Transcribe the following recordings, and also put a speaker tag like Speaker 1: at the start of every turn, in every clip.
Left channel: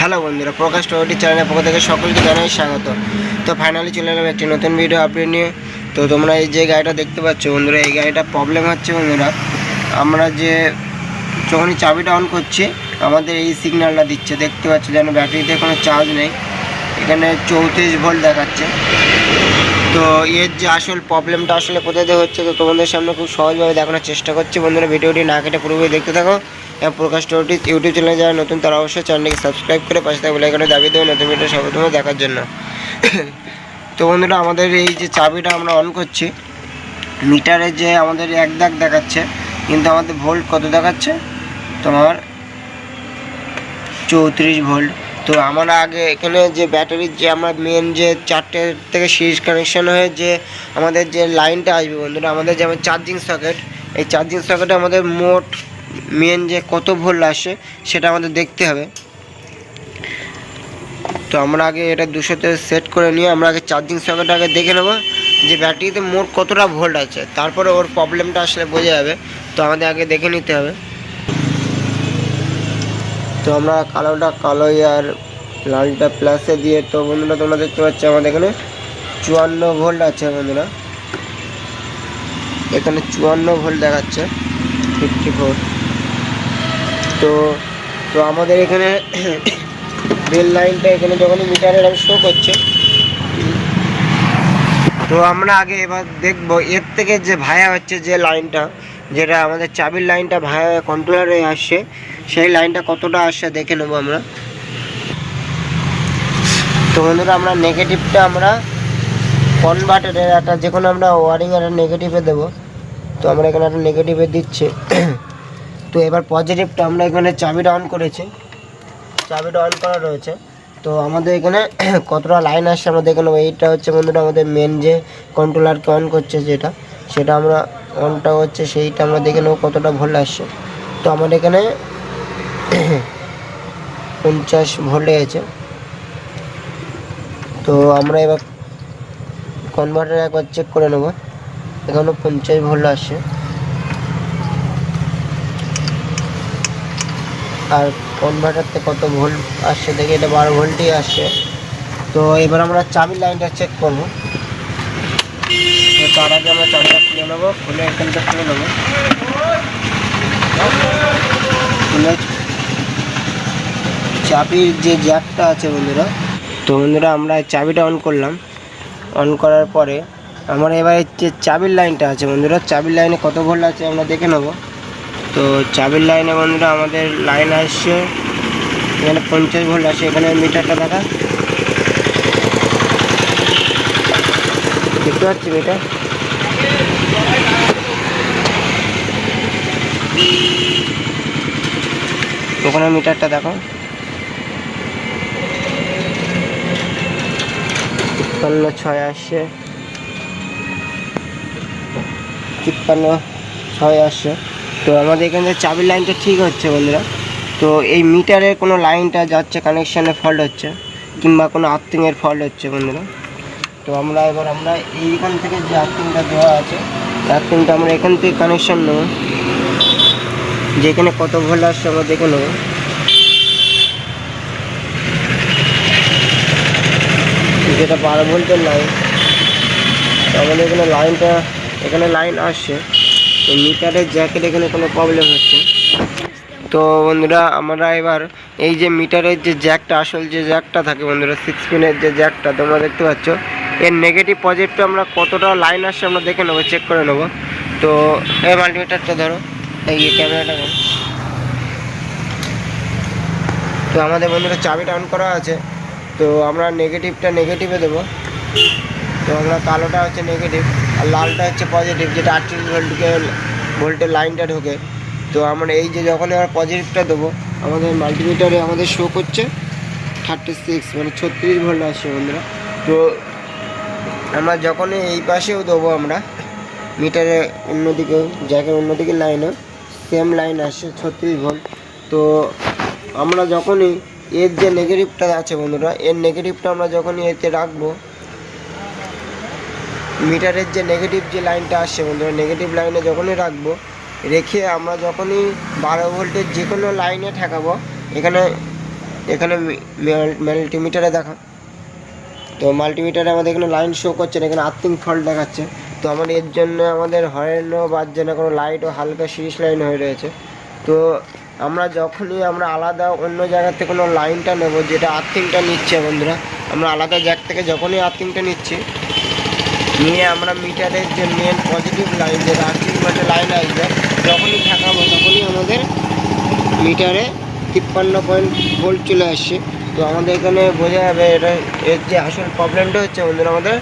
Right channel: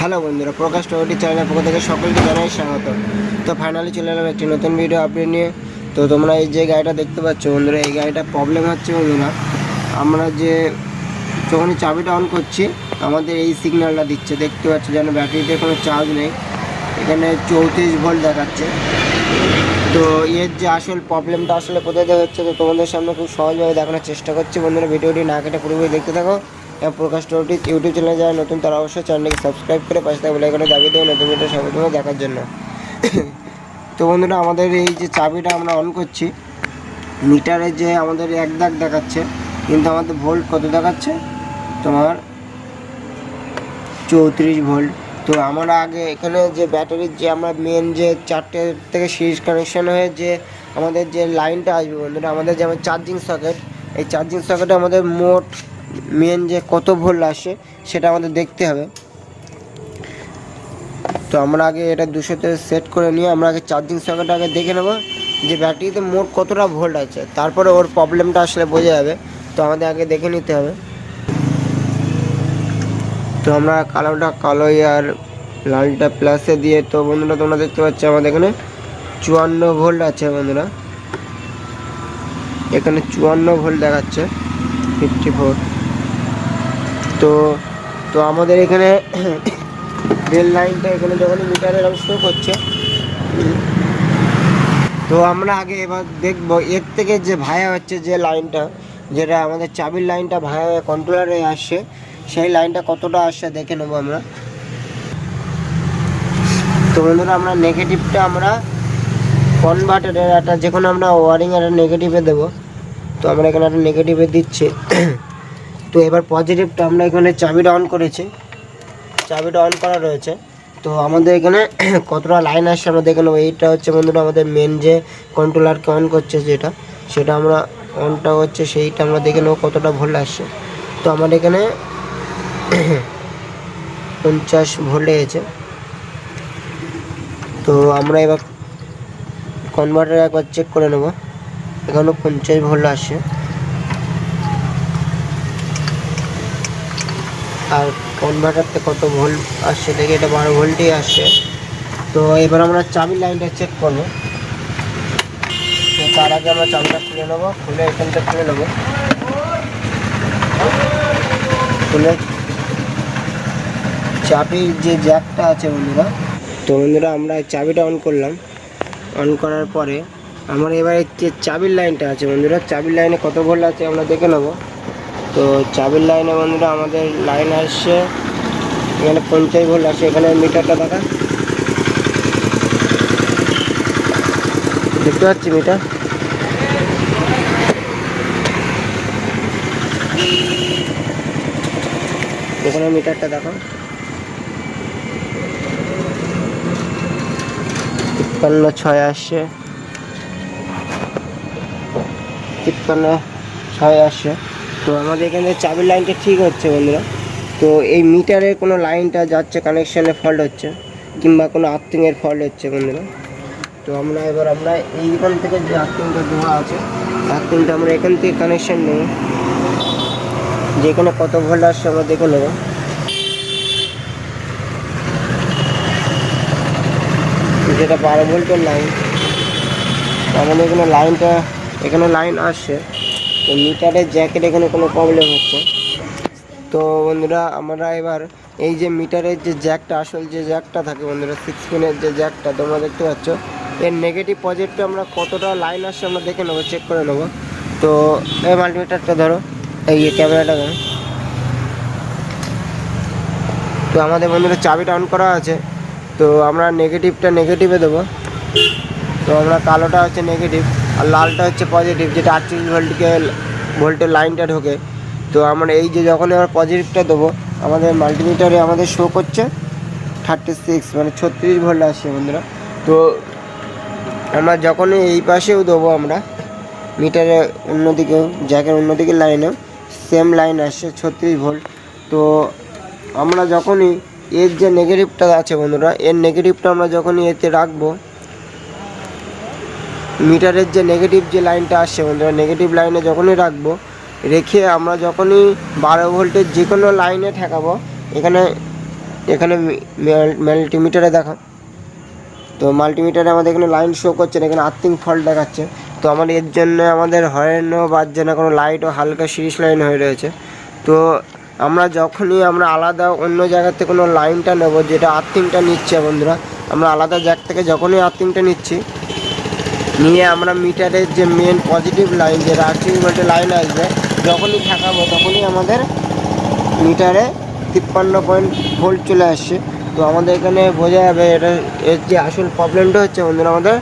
Speaker 1: Hello বন্ধুরা, প্রকাশ twenty চ্যানেলের পক্ষ থেকে সকলকে জানাই স্বাগত। তো ফাইনালি চলে এলাম একটি নতুন ভিডিও আপডেট নিয়ে। তো তোমরা এই যে গাড়িটা দেখতে পাচ্ছ বন্ধুরা, এই গাড়িটা প্রবলেম হচ্ছে বন্ধুরা। আমরা যে যখনই চাবিটা অন করছি, আমাদের এই সিগন্যালটা দিচ্ছে। দেখতে পাচ্ছ যেন ব্যাটারিতে কোনো চার্জ নেই। এখানে চৌত্রিশ ভোল্ট দেখাচ্ছে। তো এর যে আসল প্রবলেমটা আসলে কোথায় হচ্ছে, তো তোমাদের সামনে খুব সহজভাবে দেখানোর চেষ্টা করছি। বন্ধুরা ভিডিওটি না কেটে পুরোপুরি দেখতে থাকো। প্রকাশ টোটি ইউটিউব চ্যানেলে যারা নতুন, তারা অবশ্যই চ্যানেলটিকে সাবস্ক্রাইব করে পাশে থাকা বেলাইকনে দাবি দেবে নতুন ভিডিও সর্বপ্রথমে দেখার জন্য। তো বন্ধুরা, আমাদের এই যে চাবিটা আমরা অন করছি মিটারে যে আমাদের এক দাগ দেখাচ্ছে, কিন্তু আমাদের ভোল্ট কত দেখাচ্ছে? তোমার চৌত্রিশ ভোল্ট তো আমরা আগে এখানে যে ব্যাটারির যে আমরা মেন যে চারটে থেকে সিরিজ কানেকশান হয়ে যে আমাদের যে লাইনটা আসবে বন্ধুরা, আমাদের যেমন চার্জিং সকেট এই চার্জিং সকেটে আমাদের মোট মেন যে কত ভোল্ট আসে সেটা আমাদের দেখতে হবে। তো আমরা আগে এটা দুশোতে সেট করে নিয়ে আমরা আগে চার্জিং সকেট আগে দেখে নেব যে ব্যাটারিতে মোট কতটা ভোল্ট আছে। তারপরে ওর প্রবলেমটা আসলে বোঝা যাবে। তো আমাদের আগে দেখে নিতে হবে। তো আমরা কালোটা কালো আর লালটা প্লাসে দিয়ে তো বন্ধুরা তোমরা দেখতে পাচ্ছ আমাদের এখানে চুয়ান্ন ভোল্ট আছে বন্ধুরা। এখানে চুয়ান্ন ভোল্ট দেখাচ্ছে ফিফটি ফোর তো তো আমাদের এখানে রেল লাইনটা এখানে যখন মিটারে শো করছে, তো আমরা আগে এবার দেখব, এর থেকে যে ভায়া হচ্ছে যে লাইনটা যেটা আমাদের চাবির লাইনটা ভায়া কন্ট্রোলারে আসছে, সেই লাইনটা কতটা আসছে দেখে নেব আমরা। তো বন্ধুরা, আমরা নেগেটিভটা আমরা কনভার্টারের একটা যে কোনো আমরা ওয়ারিং একটা নেগেটিভে দেবো। তো আমরা এখানে একটা নেগেটিভে দিচ্ছি। তো এবার পজিটিভটা আমরা এখানে চাবিটা অন করেছি। চাবিটা অন করা রয়েছে। তো আমাদের এখানে কতটা লাইন আসছে আমরা দেখে নেব। এইটা হচ্ছে বন্ধুরা আমাদের মেন যে কন্ট্রোলারকে অন করছে যেটা, সেটা আমরা অনটা হচ্ছে সেইটা আমরা দেখে নেব কতটা ভোল্ট আসছে। তো আমাদের এখানে পঞ্চাশ ভোল্টে আছে তো আমরা এবার কনভার্টার একবার চেক করে নেব। এখানেও পঞ্চাশ ভোল্ট আসছে। আর কনভার্টারতে কত ভোল্ট আসছে, দেখি এটা বারো ভোল্টই আসছে। তো এবার আমরা চাবির লাইনটা চেক করব। তার আগে আমরা চাবিটা খুলে নেব, খুলে এখানটা খুলে নেব। খুলে চাবির যে জ্যাকটা আছে বন্ধুরা, তো বন্ধুরা আমরা চাবিটা অন করলাম। অন করার পরে আমার এবার যে চাবির লাইনটা আছে বন্ধুরা, চাবির লাইনে কত ভোল্ট আছে আমরা দেখে নেব। তো চাবির লাইনে বন্ধুরা আমাদের লাইন আসছে। এখানে পঞ্চাশ ভোল্ট আছে, এখানে মিটারটা দেখা। দেখতে পাচ্ছি মিটার। ওখানে মিটারটা দেখো। তিপ্পান্ন ছয় আসছে। তিপ্পান্ন ছয় আসছে। তো আমাদের এখানে চাবির লাইনটা ঠিক হচ্ছে বন্ধুরা। তো এই মিটারের কোনো লাইনটা যাচ্ছে কানেকশানের ফল্ট হচ্ছে, কিংবা কোনো আর্থিংয়ের ফল্ট হচ্ছে বন্ধুরা। তো আমরা এবার, আমরা এইখান থেকে যে আর্থিংটা দেওয়া আছে আর্থিংটা আমরা এখান থেকে কানেকশন নেব। যেখানে কত ভোল্ট আসছে আমরা দেখে নেব। যেটা বারো ভোল্টের লাইন আমাদের এখানে লাইনটা এখানে লাইন আসছে। মিটারের জ্যাকেট এখানে কোনো প্রবলেম হচ্ছে? তো বন্ধুরা, আমরা এবার এই যে মিটারের যে জ্যাকটা, আসল যে জ্যাকটা থাকে বন্ধুরা সিক্স পিনের যে জ্যাকটা, তোমরা দেখতে পাচ্ছ, এর নেগেটিভ পজিটিভটা আমরা কতটা লাইন আসছে আমরা দেখে নেব চেক করে নেব। তো এই মাল্টিমিটারটা ধরো, এই ক্যামেরাটা ধরো। তো আমাদের বন্ধুরা চাবিটা অন করা আছে, তো আমরা নেগেটিভটা নেগেটিভে দেবো। তো আমরা কালোটা হচ্ছে নেগেটিভ আর লালটা হচ্ছে পজিটিভ যেটা আটচল্লিশ ভোল্টকে ভোল্টের লাইনটা ঢোকে। তো আমরা এই যে যখন আমরা পজিটিভটা দেবো, আমাদের মাল্টিমিটারে আমাদের শো করছে থার্টি সিক্স মানে ছত্রিশ ভোল্ট আসছে বন্ধুরা। তো আমরা যখনই এই পাশেও দেবো আমরা মিটারে অন্যদিকেও জ্যাকের অন্যদিকে লাইনেও সেম লাইন আসছে ছত্রিশ ভোল্ট। তো আমরা যখনই এর যে নেগেটিভটা আছে বন্ধুরা, এর নেগেটিভটা আমরা যখনই এতে রাখব মিটারের যে নেগেটিভ যে লাইনটা আসছে বন্ধুরা নেগেটিভ লাইনে যখনই রাখব, রেখে আমরা যখনই বারো ভোল্টের যে কোনো লাইনে ঠেকাবো, এখানে এখানে মাল্টিমিটারে দেখা, তো মাল্টিমিটারে আমাদের এখানে লাইন শো করছে না, এখানে আর্থিং ফল্ট দেখাচ্ছে, তো আমার এর জন্য আমাদের হরেনও বাজছে না কোনো লাইটও হালকা সিরিজ লাইন হয়ে রয়েছে, তো আমরা যখনই আমরা আলাদা অন্য জায়গা থেকে কোনো লাইনটা নেব, যেটা আর্থিংটা নিচ্ছে বন্ধুরা, আমরা আলাদা জ্যাক থেকে যখনই আর্থিংটা নিচ্ছি নিয়ে আমরা মিটারের যে মেন পজিটিভ লাইন যে আর্থিং বলতে লাইন আসবে। যখনই থাকাবো, তখনই আমাদের মিটারে তিপ্পান্ন পয়েন্ট ভোল্ট চলে আসছে। তো আমাদের এখানে বোঝা যাবে এটা এর যে আসল প্রবলেমটা হচ্ছে, বন্ধুরা, আমাদের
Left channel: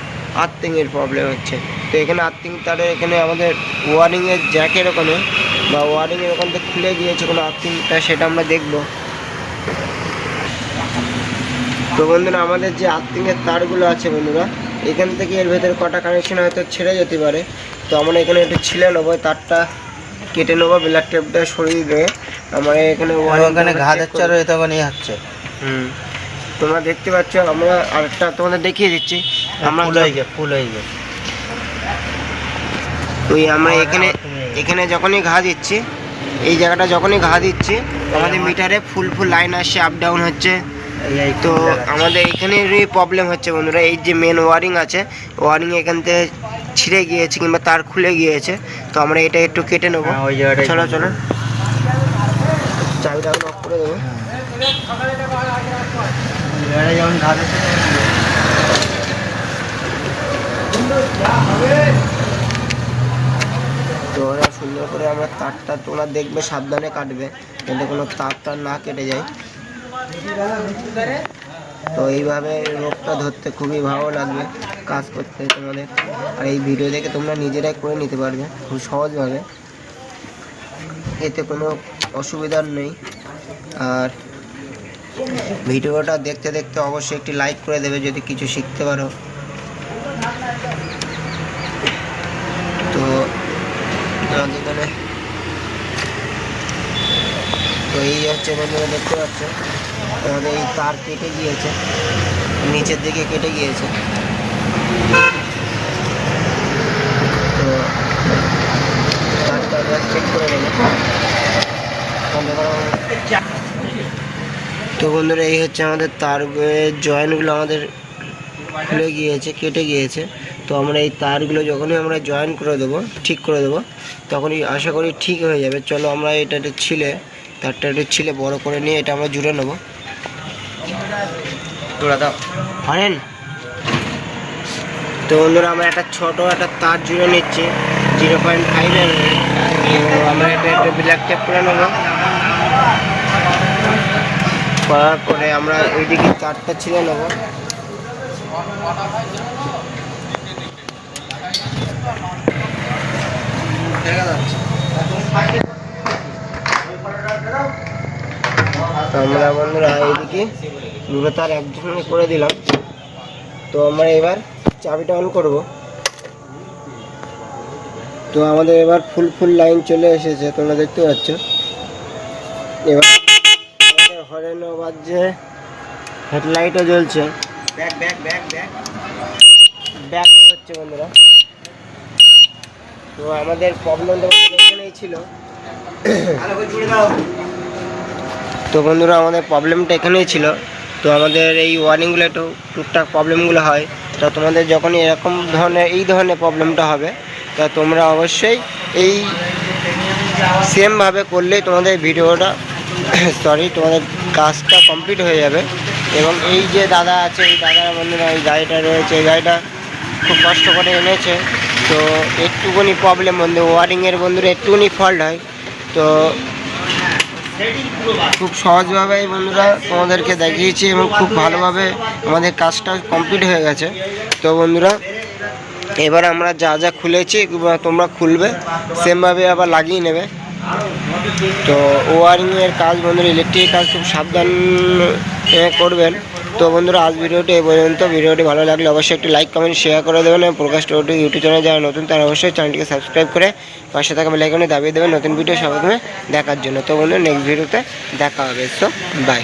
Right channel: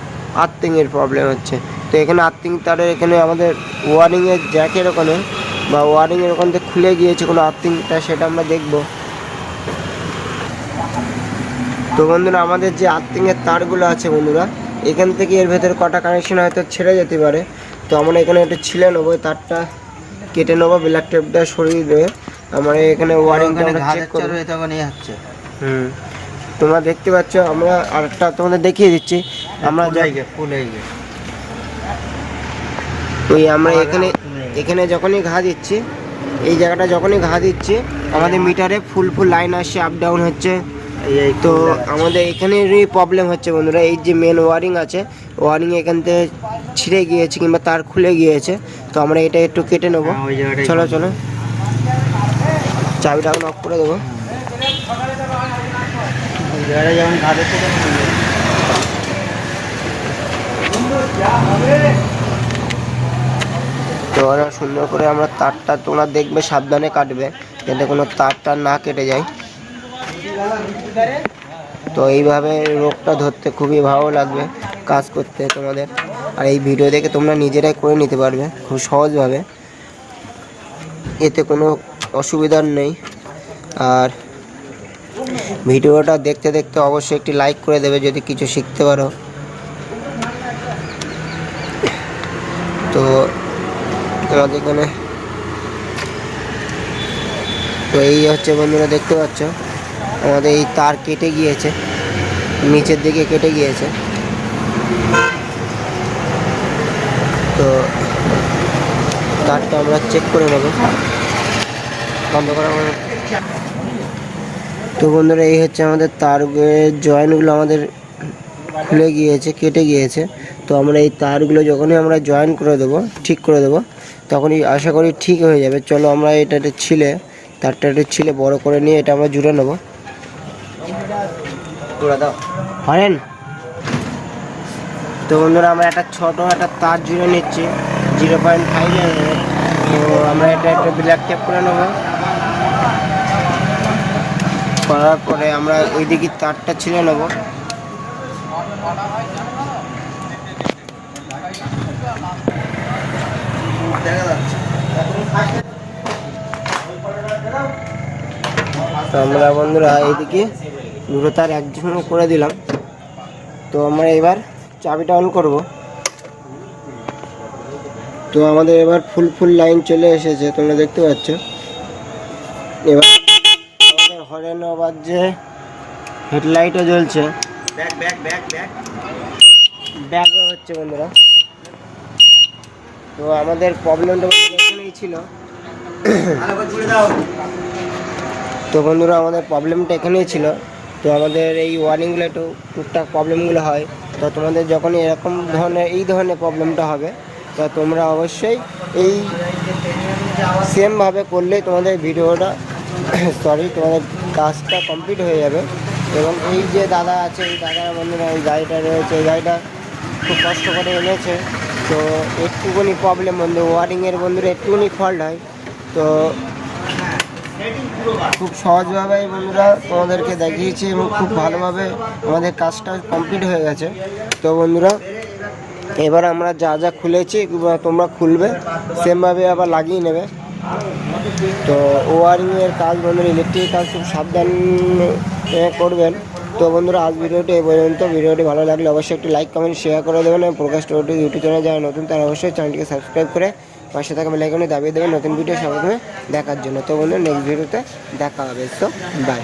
Speaker 1: আর্থিংয়ের প্রবলেম হচ্ছে। তো এখানে আর্থিং তারে এখানে আমাদের ওয়ারিংয়ের জ্যাকের ওখানে, বা ওয়ারিংয়ের ওখান থেকে খুলে গিয়েছে কোনো আর্থিং তার সেটা আমরা দেখব। তো বন্ধুরা, আমাদের যে আর্থিংয়ের তারগুলো আছে, বন্ধুরা এখান থেকে এর ভেতরে কটা কানেকশন হয়তো ছেড়ে যেতে পারে। তো আমরা এখানে একটু ছিলে নেব তারটা কেটে নেব ব্ল্যাক টেপটা সরিয়ে দেবে আমরা এখানে
Speaker 2: ওখানে ঘা যাচ্ছে আর তখন ইয়ে হচ্ছে।
Speaker 1: হুম। তোমরা দেখতে পাচ্ছ আমরা আরেকটা তোমাদের দেখিয়ে দিচ্ছি। আমরা
Speaker 2: হয়ে হয়ে যায়
Speaker 1: ওই আমরা এখানে এখানে যখনই ঘা দিচ্ছি এই জায়গাটা যখনই ঘা দিচ্ছি আমাদের মিটারে ফুল ফুল লাইন আসছে আপ ডাউন হচ্ছে। তো আমাদের এখানেরই প্রবলেম হচ্ছে বন্ধুরা এই যে মেন ওয়ারিং আছে ওয়ারিং এখান থেকে ছিঁড়ে গিয়েছে কিংবা তার খুলে গিয়েছে তো আমরা এটা একটু কেটে নেব।
Speaker 2: হ্যাঁ,
Speaker 1: চলো চলো। চাবিটা এখন অফ করে দেবো। তো ওরা সুন্দর করে আমরা তারটা তোমরা দেখবে সাবধানে কাটবে যাতে কোনো তারটা না কেটে যায়। তো এইভাবে রোগটা ধরতে খুবই ভালো লাগবে কাজ করতে তোমাদের। আর এই ভিডিও দেখে তোমরা নিজেরাই করে নিতে পারবে খুব সহজভাবে। এতে কোনো অসুবিধার নেই। আর ভিডিওটা দেখতে দেখতে অবশ্যই একটি লাইক করে দেবে যদি কিছু শিখতে পারো। তো তোমাদের এখানে তো এই হচ্ছে বন্ধুরা, দেখতে পাচ্ছ? আমাদের এই তার কেটে গিয়েছে, নিচের দিকে কেটে গিয়েছে। তো তারটা আমরা চেক করে নেব। তো বন্ধুরা, এই হচ্ছে আমাদের তার জয়েন্টগুলো আমাদের খুলে গিয়েছে, কেটে গিয়েছে। তো আমরা এই তারগুলো যখনই আমরা জয়েন করে দেবো, ঠিক করে দেবো, তখনই আশা করি ঠিক হয়ে যাবে। চলো আমরা এটা ছিলে, তারটা একটু ছিলে বড় করে নিয়ে এটা আমরা জুড়ে নেব। হরেন। তো অন্যরা আমরা একটা ছোট একটা তার জুড়ে নিচ্ছি। জিরো পয়েন্ট ফাইভ আমরা এটা একটা ব্ল্যাক টেপ করে নেব। করার পরে আমরা ওইদিকে তারটা ছিঁড়ে নেব।
Speaker 2: দেখা যাচ্ছে
Speaker 1: তো আমরা বন্ধুরা এইদিকে দুটো তার একসঙ্গে করে দিলাম। তো আমরা এবার চাবিটা অন করব। তো আমাদের এবার ফুল ফুল লাইন চলে এসেছে তোমরা দেখতে পাচ্ছ। এবার আমাদের হরেন বাজছে হেডলাইটও জ্বলছে।
Speaker 2: ব্যাগ ব্যাগ ব্যাগ ব্যাগ
Speaker 1: ব্যাগও হচ্ছে বন্ধুরা। তো আমাদের প্রবলেমটা এখানেই ছিল। তো বন্ধুরা, আমাদের প্রবলেমটা এখানেই ছিল। তো আমাদের এই ওয়ারিংগুলো একটু টুকটাক প্রবলেমগুলো হয়। তো তোমাদের যখনই এরকম ধরনের, এই ধরনের প্রবলেমটা হবে, তা তোমরা অবশ্যই এই সেমভাবে করলেই তোমাদের ভিডিওটা সরি তোমাদের কাজটা কমপ্লিট হয়ে যাবে। এবং এই যে দাদা আছে, এই দাদার বন্ধুরা, এই গাড়িটা রয়েছে, এই গাড়িটা খুব কষ্ট করে এনেছে। তো একটুখানি প্রবলেম বন্ধু ওয়ারিংয়ের বন্ধুরা একটুখানি ফল্ট হয়। তো খুব সহজভাবে বন্ধুরা তোমাদেরকে দেখিয়েছি এবং খুব ভালোভাবে আমাদের কাজটা কমপ্লিট হয়ে গেছে। তো বন্ধুরা, এবার আমরা যা যা খুলেছি তোমরা খুলবে, সেমভাবে আবার লাগিয়ে নেবে। তো ওয়ারিংয়ের কাজ, বন্ধুরা, ইলেকট্রিকের কাজ খুব সাবধান করবেন। তো বন্ধুরা, আজ ভিডিওটি এই পর্যন্ত। ভিডিওটি ভালো লাগলে অবশ্যই একটি লাইক কমেন্ট শেয়ার করে দেবেন এবং প্রকাশ টোটি ইউটিউব চ্যানেল যারা নতুন, তারা অবশ্যই চ্যানেলটিকে সাবস্ক্রাইব করে পাশে থাকা বেলাইকনে দাবিয়ে দেবেন। নতুন ভিডিও প্রথমে দেখার জন্য। তো বন্ধুরা নেক্সট ভিডিওতে দেখা হবে। তো বাই